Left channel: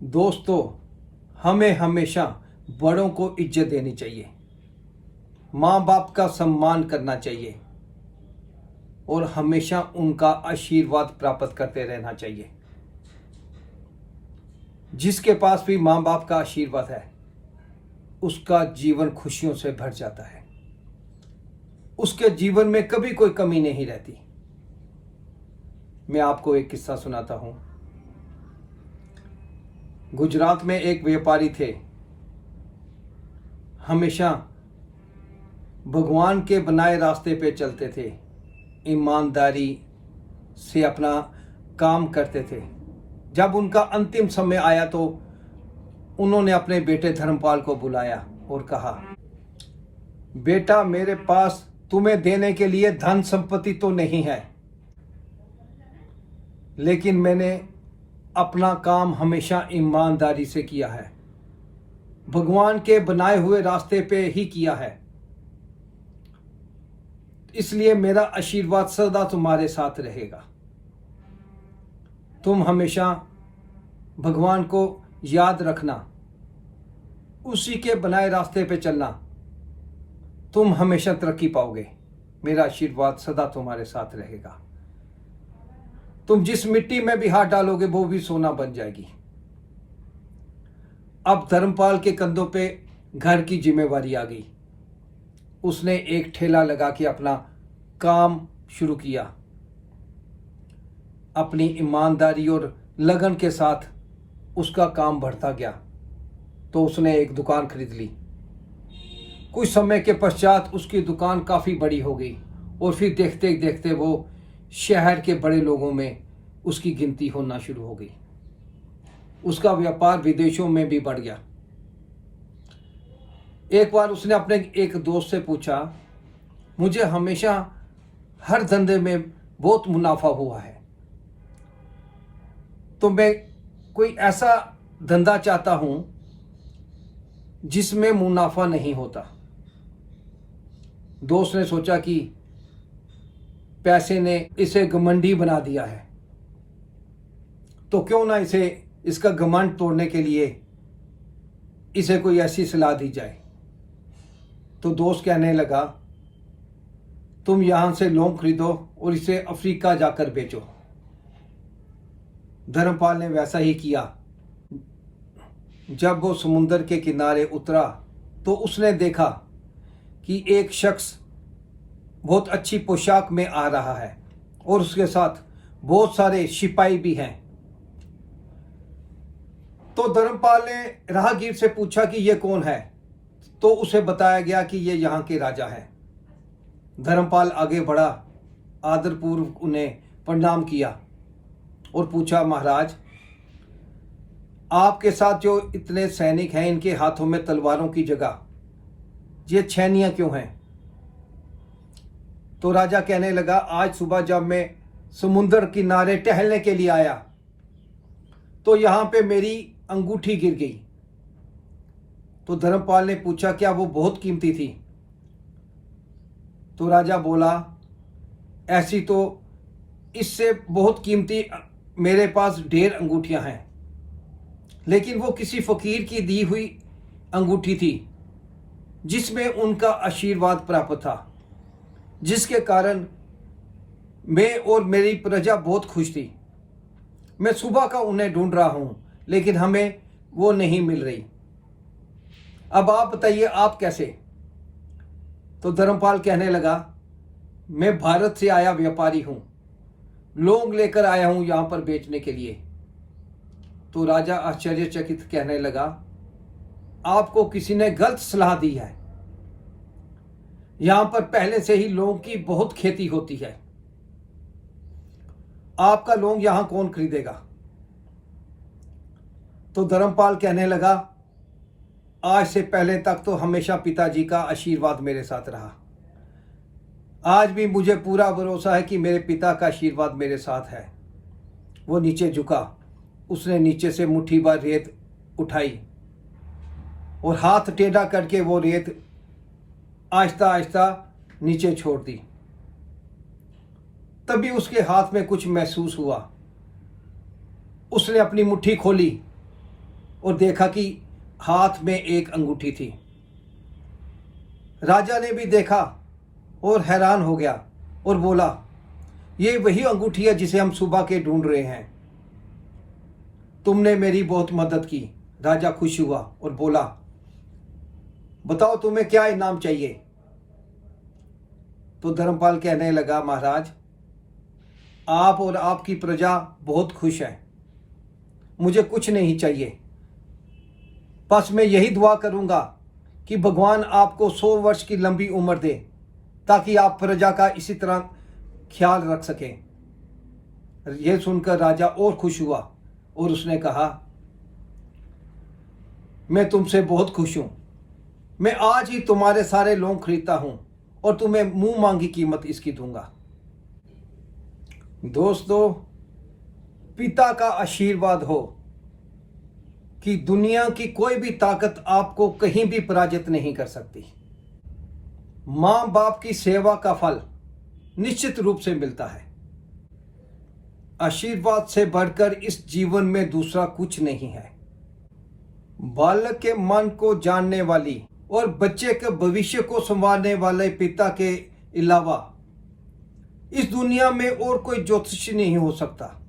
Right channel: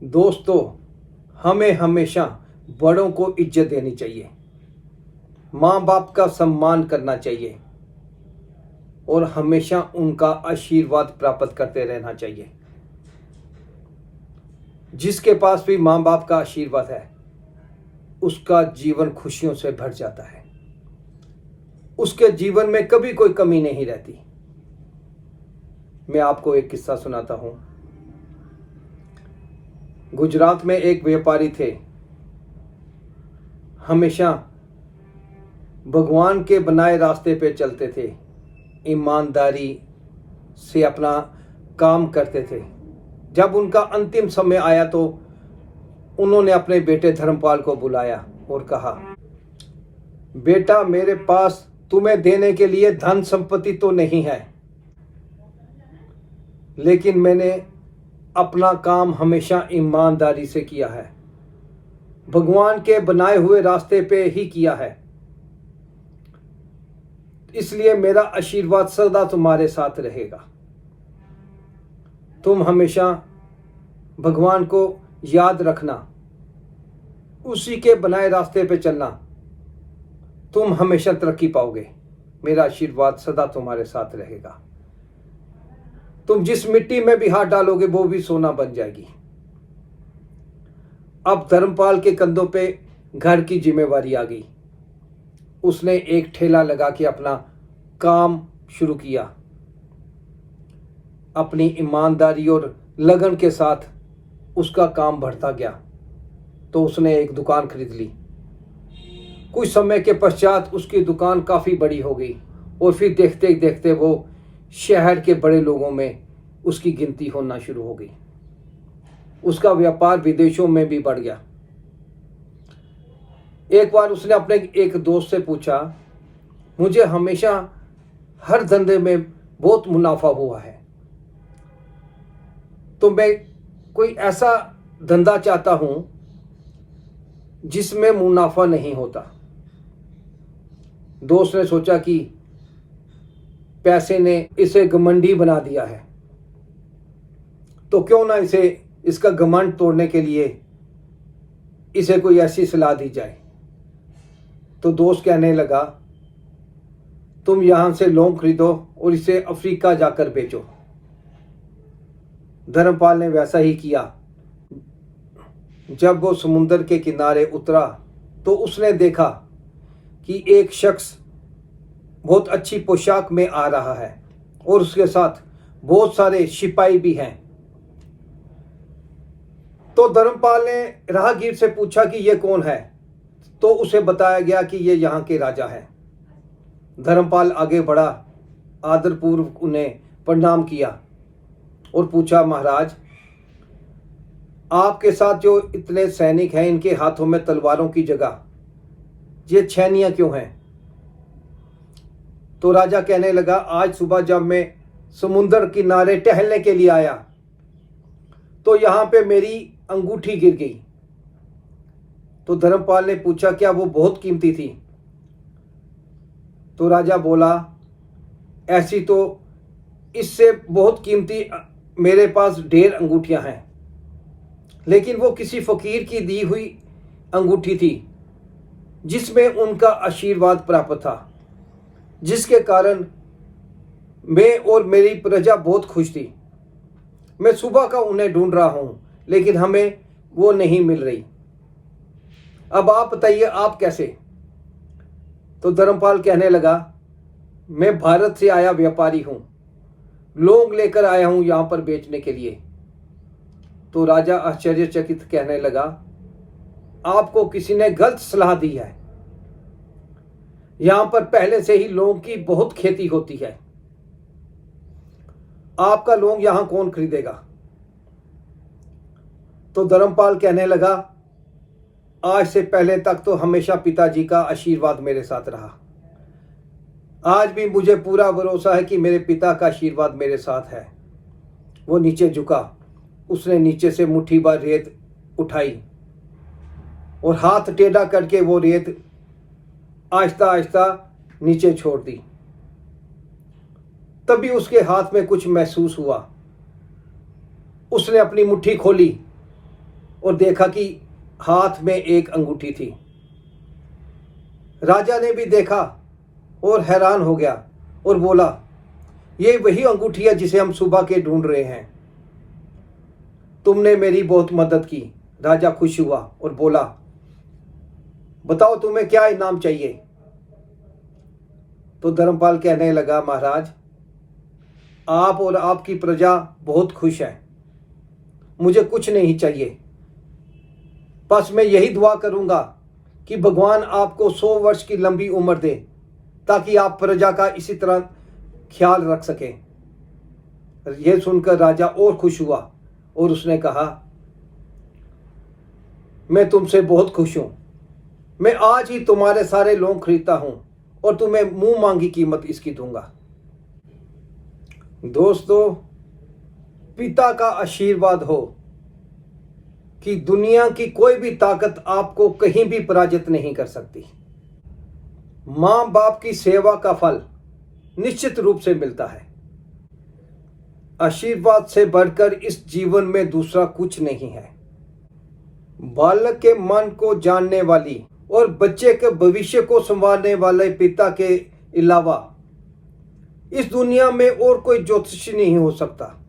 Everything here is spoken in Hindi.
दोस्तों, हमें हमेशा बड़ों को इज्जत देनी चाहिए, माँ बाप का सम्मान करना चाहिए और हमेशा उनका आशीर्वाद प्राप्त करते रहना चाहिए। जिसके पास भी माँ बाप का आशीर्वाद है उसका जीवन खुशियों से भर जाता है, उसके जीवन में कभी कोई कमी नहीं रहती। मैं आपको एक किस्सा सुनाता हूँ। गुजरात में एक व्यापारी थे, हमेशा भगवान के बनाए रास्ते पे चलते थे, ईमानदारी से अपना काम करते थे। जब उनका अंतिम समय आया तो उन्होंने अपने बेटे धर्मपाल को बुलाया और कहा, बेटा, मेरे पास तुम्हें देने के लिए धन संपत्ति तो नहीं है, लेकिन मैंने अपना काम हमेशा ईमानदारी से किया है, भगवान के बनाए हुए रास्ते पे ही किया है, इसलिए मेरा आशीर्वाद सदा तुम्हारे साथ रहेगा। तुम हमेशा भगवान को याद रखना, उसी के बनाए रास्ते पे चलना, तुम हमेशा तरक्की पाओगे, मेरा आशीर्वाद सदा तुम्हारे साथ रहेगा। तुम जिस मिट्टी में भी हाथ डालोगे वो भी सोना बन जाएगी। अब धर्मपाल के कंधों पे घर की जिम्मेवारी आ गई। उसने एक ठेला लगा के अपना काम शुरू किया। अपनी ईमानदारी और लगन के साथ उसका काम बढ़ता गया तो उसने एक दुकान खरीद ली। कुछ समय के पश्चात उसकी दुकान काफ़ी बड़ी हो गई और फिर देखते देखते वो शहर के बड़े लोगों में उसकी गिनती होना शुरू हो गई। उसका व्यापार विदेशों में भी बढ़ गया। एक बार उसने अपने एक दोस्त से पूछा, मुझे हमेशा हर धंधे में बहुत मुनाफा हुआ है, तो मैं कोई ऐसा धंधा चाहता हूं जिसमें मुनाफा नहीं होता। दोस्त ने सोचा कि पैसे ने इसे घमंडी बना दिया है, तो क्यों ना इसका घमंड तोड़ने के लिए इसे कोई ऐसी सलाह दी जाए। तो दोस्त कहने लगा, तुम यहां से लौंग खरीदो और इसे अफ्रीका जाकर बेचो। धर्मपाल ने वैसा ही किया। जब वो समुद्र के किनारे उतरा तो उसने देखा कि एक शख्स बहुत अच्छी पोशाक में आ रहा है और उसके साथ बहुत सारे सिपाही भी हैं। तो धर्मपाल ने राहगीर से पूछा कि ये कौन है, तो उसे बताया गया कि ये यहाँ के राजा हैं। धर्मपाल आगे बढ़ा, आदरपूर्वक उन्हें प्रणाम किया और पूछा, महाराज, आपके साथ जो इतने सैनिक हैं, इनके हाथों में तलवारों की जगह ये छैनियां क्यों हैं? तो राजा कहने लगा, आज सुबह जब मैं समुद्र किनारे टहलने के लिए आया तो यहां पे मेरी अंगूठी गिर गई। तो धर्मपाल ने पूछा, क्या वो बहुत कीमती थी? तो राजा बोला, ऐसी तो इससे बहुत कीमती मेरे पास ढेर अंगूठियां हैं, लेकिन वो किसी फकीर की दी हुई अंगूठी थी जिसमें उनका आशीर्वाद प्राप्त था, जिसके कारण मैं और मेरी प्रजा बहुत खुश थी। मैं सुबह का उन्हें ढूंढ रहा हूं, लेकिन हमें वो नहीं मिल रही। अब आप बताइए, आप कैसे? तो धर्मपाल कहने लगा, मैं भारत से आया व्यापारी हूं, लौंग लेकर आया हूं यहां पर बेचने के लिए। तो राजा आश्चर्यचकित कहने लगा, आपको किसी ने गलत सलाह दी है। यहां पर पहले से ही लौंग की बहुत खेती होती है, आपका लौंग यहां कौन खरीदेगा? तो धर्मपाल कहने लगा, आज से पहले तक तो हमेशा पिताजी का आशीर्वाद मेरे साथ रहा, आज भी मुझे पूरा भरोसा है कि मेरे पिता का आशीर्वाद मेरे साथ है। वो नीचे झुका, उसने नीचे से मुट्ठी भर रेत उठाई और हाथ टेढ़ा करके वो रेत आहिस्ता आहिस्ता नीचे छोड़ दी। तभी उसके हाथ में कुछ महसूस हुआ। उसने अपनी मुट्ठी खोली और देखा कि हाथ में एक अंगूठी थी। राजा ने भी देखा और हैरान हो गया और बोला, ये वही अंगूठी है जिसे हम सुबह के ढूंढ रहे हैं। तुमने मेरी बहुत मदद की। राजा खुश हुआ और बोला, बताओ तुम्हें क्या इनाम चाहिए। तो धर्मपाल कहने लगा, महाराज, आप और आपकी प्रजा बहुत खुश है, मुझे कुछ नहीं चाहिए। बस मैं यही दुआ करूंगा कि भगवान आपको 100 वर्ष की लंबी उम्र दे, ताकि आप प्रजा का इसी तरह ख्याल रख सकें। यह सुनकर राजा और खुश हुआ और उसने कहा, मैं तुमसे बहुत खुश हूं। मैं आज ही तुम्हारे सारे लोग खरीदता हूं और तुम्हें मुंह मांगी कीमत इसकी दूंगा। दोस्तों, पिता का आशीर्वाद हो कि दुनिया की कोई भी ताकत आपको कहीं भी पराजित नहीं कर सकती। मां बाप की सेवा का फल निश्चित रूप से मिलता है। आशीर्वाद से बढ़कर इस जीवन में दूसरा कुछ नहीं है। बालक के मन को जानने वाली और बच्चे के भविष्य को संवारने वाले पिता के अलावा इस दुनिया में और कोई ज्योतिषी नहीं हो सकता।